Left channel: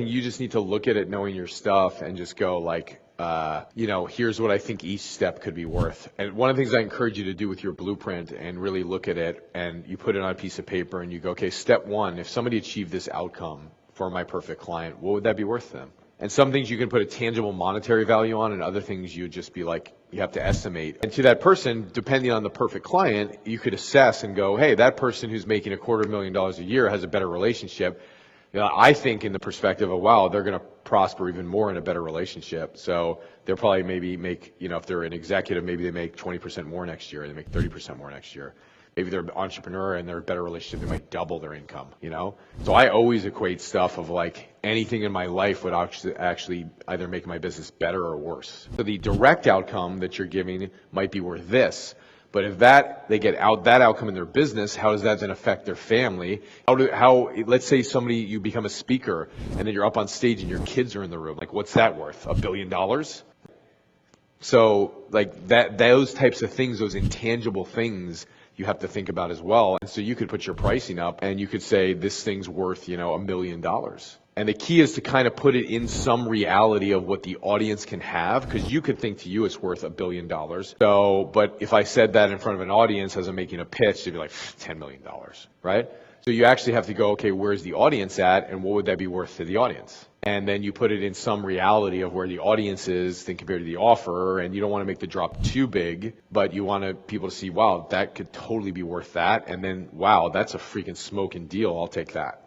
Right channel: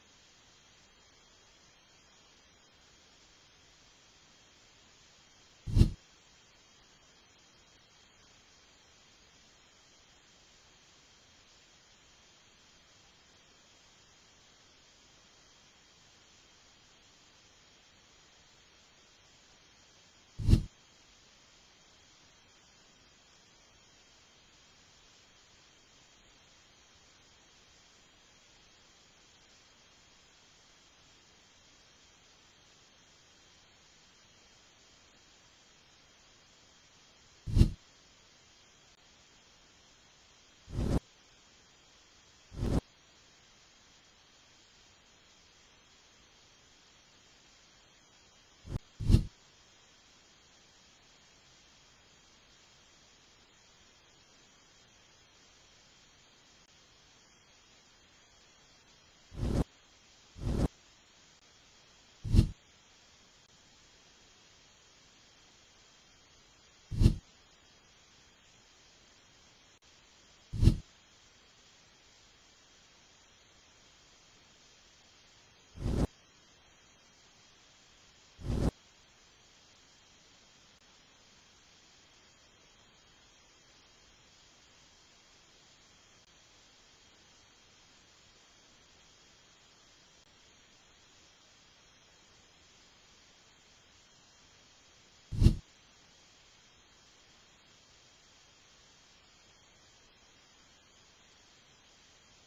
think you just need to look at it knowing your stuff and just go like, here's what I think each step could be worth. And one of the things I encourage you to do with your blueprint and really look at it, and you put it on a piece of paper and you go, okay, step one, if somebody achieved this outcome for my perfect client, what would that be worth to them? And some things you can put a tangible monetary value on, and other things you would just be like, you have to estimate. And to that person, depending on the perfect client, you could assess and go, hey, that person who's making $250,000 a year has a better relationship. I think in the perspective of, wow, they're going to prosper even more in a better relationship. So they'll probably maybe make, if they're an executive, maybe they make 20% more next year, they make 30% more next year. Maybe they're an entrepreneur and they're a better relationship, they might double their income, So I always equate stuff of like anything in my life would actually either make my business better or worse. So the direct outcome that you're giving might be worth this. But if they get that outcome in their business, how does that then affect their family? Let's say you become a speaker and then you're up on stage and your kids are in the room. Like, what's that worth? $1 billion? So like those types of things, those intangible things, you have to think about as well. And so you could put your pricing up and you could say this thing's worth, $1 million. And the key is to kind of put it in some reality of what the audience can have, because you could think to you it's worth $1 billion. So, but if I said that in front of an audience as I'm making a pitch, they'd be like, $10 million, right? So you actually have to go, okay, where's the audience at, and what would that be worth to the audience? And then you put it in some reality of where the audience is compared to the offer, and you don't want to make the drop too big, but you want people to see, wow, that could totally be worth that, and then, wow, that's a freaking smoking deal, I'll take that,